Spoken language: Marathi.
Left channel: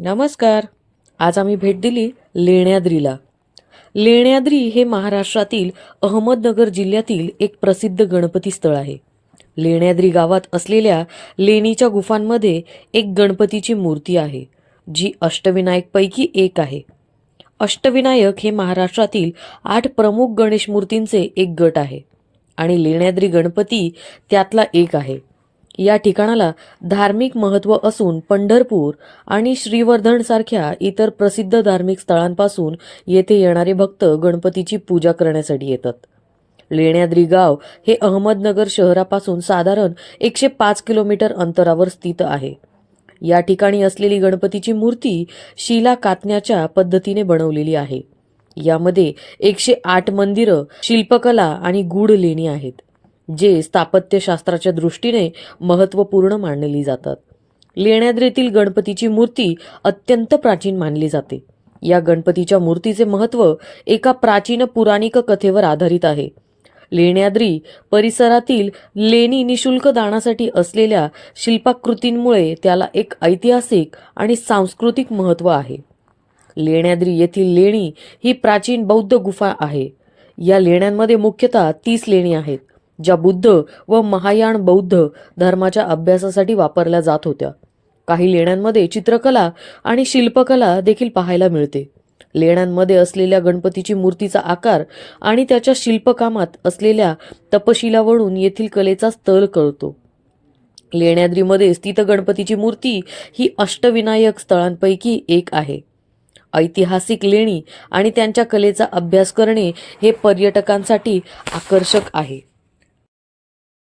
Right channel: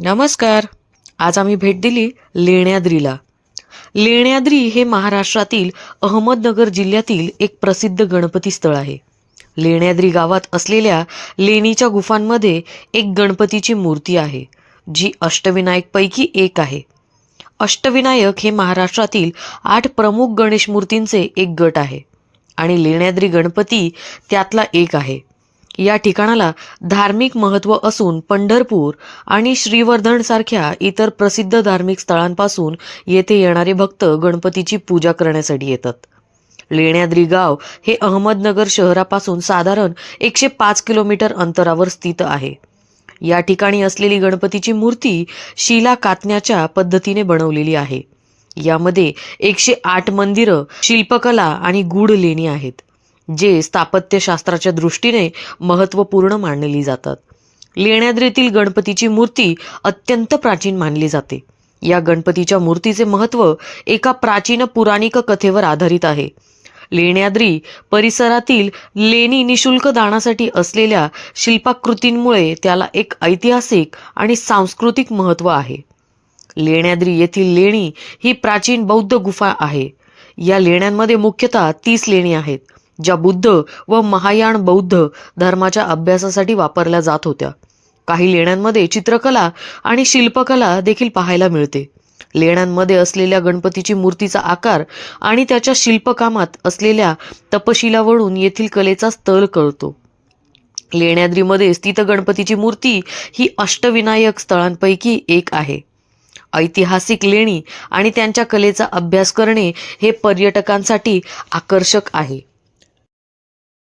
नमस्कार. आज आम्ही भेट दिली लेण्याद्रीला. लेण्याद्री हे महाराष्ट्रातील अहमदनगर जिल्ह्यातील एक प्रसिद्ध गणपती स्थळ आहे. लेण्याद्री गावात असलेल्या लेणीच्या गुफांमध्ये एक गणपतीची मूर्ती आहे, जी अष्टविनायकपैकी एक आहे. अष्टविनायक हे महाराष्ट्रातील 8 प्रमुख गणेश मूर्तींचे एक गट आहे आणि लेण्याद्री गणपती त्यातला एक आहे. या ठिकाणाला धार्मिक महत्त्व असून पंढरपूर आणि श्रीवर्धनसारख्या इतर प्रसिद्ध धार्मिक स्थळांपासून येथे येणारे भक्त गणपतीची पूजा करण्यासाठी येतात. लेण्याद्री गाव हे अहमदनगर शहरापासून साधारण 105 किलोमीटर अंतरावर स्थित आहे. या ठिकाणी असलेली गणपतीची मूर्ती शिला कातण्याच्या पद्धतीने बनवलेली आहे. यामध्ये 108 मंदिरं, शिल्पकला आणि गूढ लेणी आहेत, जे स्थापत्यशास्त्राच्या दृष्टीने महत्त्वपूर्ण मानली जातात. लेण्याद्रीतील गणपतीची मूर्ती अत्यंत प्राचीन मानली जाते. या गणपतीच्या मूर्तीचे महत्त्व एका प्राचीन पौराणिक कथेवर आधारित आहे. लेण्याद्री परिसरातील लेणी निशुल्क दानासाठी असलेल्या शिल्पाकृतींमुळे त्याला एक ऐतिहासिक आणि सांस्कृतिक महत्त्व आहे. लेण्याद्री येथील लेणी ही प्राचीन बौद्ध गुफा आहे. या लेण्यांमध्ये मुख्यतः 30 लेणी आहेत, ज्या बुद्ध व महायान बौद्ध धर्माच्या अभ्यासासाठी वापरल्या जात होत्या. काही लेण्यांमध्ये चित्रकला आणि शिल्पकला देखील पाहायला मिळते. लेण्यांमध्ये असलेल्या गणपतीची मूर्तीचा आकार आणि त्याच्या शिल्पकामात असलेल्या तपशिलावरून येथील कलेचा स्तर कळतो. लेण्याद्रीमध्ये स्थित गणपतीची मूर्ती ही अष्टविनायक स्थळांपैकी एक आहे. ऐतिहासिक लेणी आणि त्यांच्या कलेचा अभ्यास करणे हे पर्यटकांसाठी आकर्षक आहे.